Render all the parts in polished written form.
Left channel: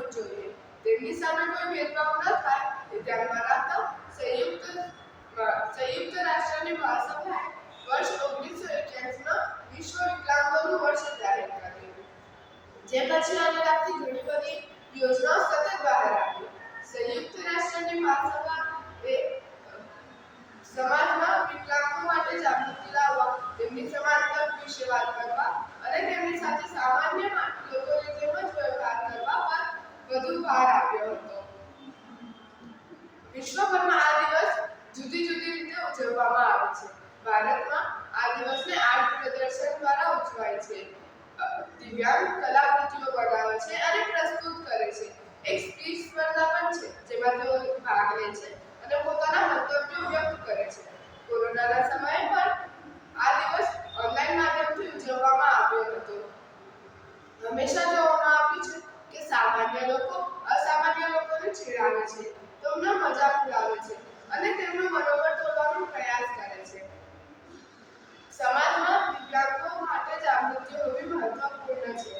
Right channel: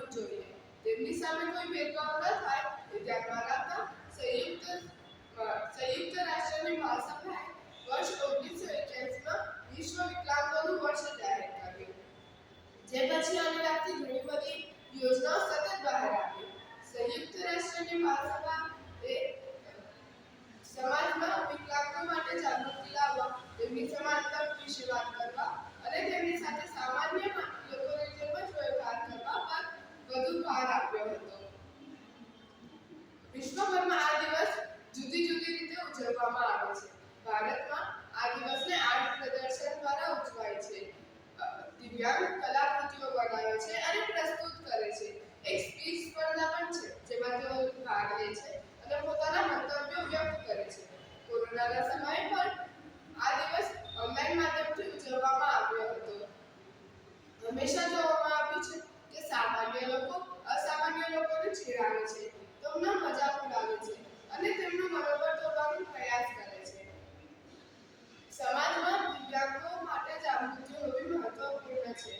જાણવું જોઈએ. તેમની સામે કોઈ ભેદભાવ ન થાય તે ધ્યાનમાં રાખતા સંયુક્ત રાષ્ટ્રની મહાસભાએ વર્ષ 1981માં વિશ્વ વિકલાંગોનું વર્ષ જાહેર કર્યું. જે પછી આને લગતી ઘણી બધી યોજનાઓ સતત બહાર આવી. સંયુક્ત રાષ્ટ્રની મહાસભા એ સમાજમાં વિકલાંગો માટે જાગૃતિ લાવવા, તેમની સમાન તક વિશે વાત કરવા અને તેમની સાથે સામાન્ય લોકોની જેમ જ વ્યવહાર કરવા પર વધુ ભાર આપ્યો હતો. વિશ્વભરમાં આ દિવસ જુદી જુદી રીતે ઉજવવામાં આવે છે. ભારતમાં આ દિવસને આર્ટ પ્રદર્શન દ્વારા ઉજવાય છે. દિવ્યાંગ કલાકૃતિઓ બનાવે છે અને પ્રસ્તુત કરે છે. એક સ્પીચ સ્પર્ધા પણ છે જેમાં તેઓ ભાગ લે છે અને પોતાના મંતવ્યો વ્યક્ત કરે છે. કોરોનાના સમયે પણ આ દિવસ ઓનલાઈન માધ્યમથી ઉજવવામાં આવ્યો હતો. હંમેશા જોવામાં આવ્યું છે કે સામાન્ય લોકો અસામાન્ય લોકોને છેડાવે છે, તેમનો મજાક ઉડાવે છે અને તેમનું મનોબળ તોડવાનો પ્રયાસ કરે છે. સમાજમાં દિવ્યાંગો માટે જાગૃતિ હોવી મહત્વપૂર્ણ છે.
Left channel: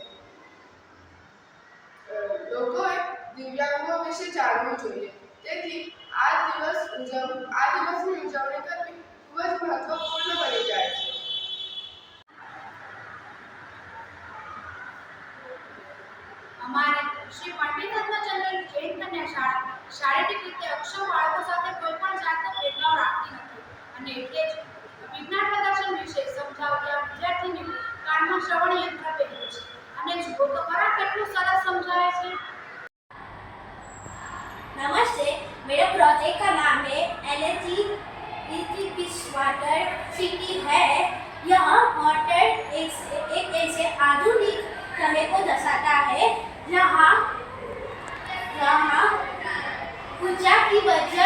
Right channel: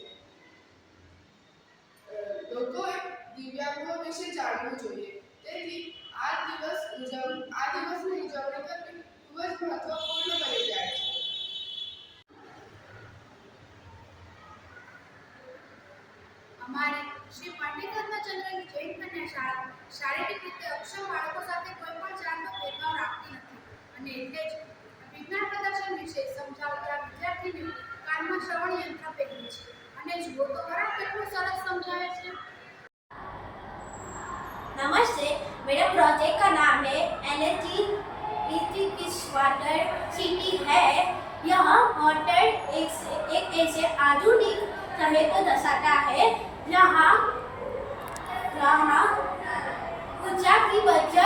લોકોએ દિવ્યાંગો વિશે જાણવું જોઈએ. તેથી આ દિવસની ઉજવણી કરવી ખૂબ જ મહત્વપૂર્ણ બની જાય છે. અમારે શ્રી પંડિત ધર્મચંદ્ર જૈન કન્યા શાળા શારીરિક રીતે અક્ષમ બાળકો સાથે કોઈ પણ જાતનો ભેદભાવ રાખતી નથી અને એટલે જ વિજ્ઞાન પ્રદર્શન વિશે સમજાવતા વિદ્યાર્થીની કાનમાં શ્રવણ યંત્ર પહેર્યું છે અને જુઓ તો ખરા કેટલું સરસ સમજાવે છે. नमस्ते, मेरे प्रोजेक्ट का नाम है एनर्जी इज वाटर सिटी है। यह वाटर एक ऐसे आधुनिक शहर को दर्शाता है जहाँ ऊर्जा की वजह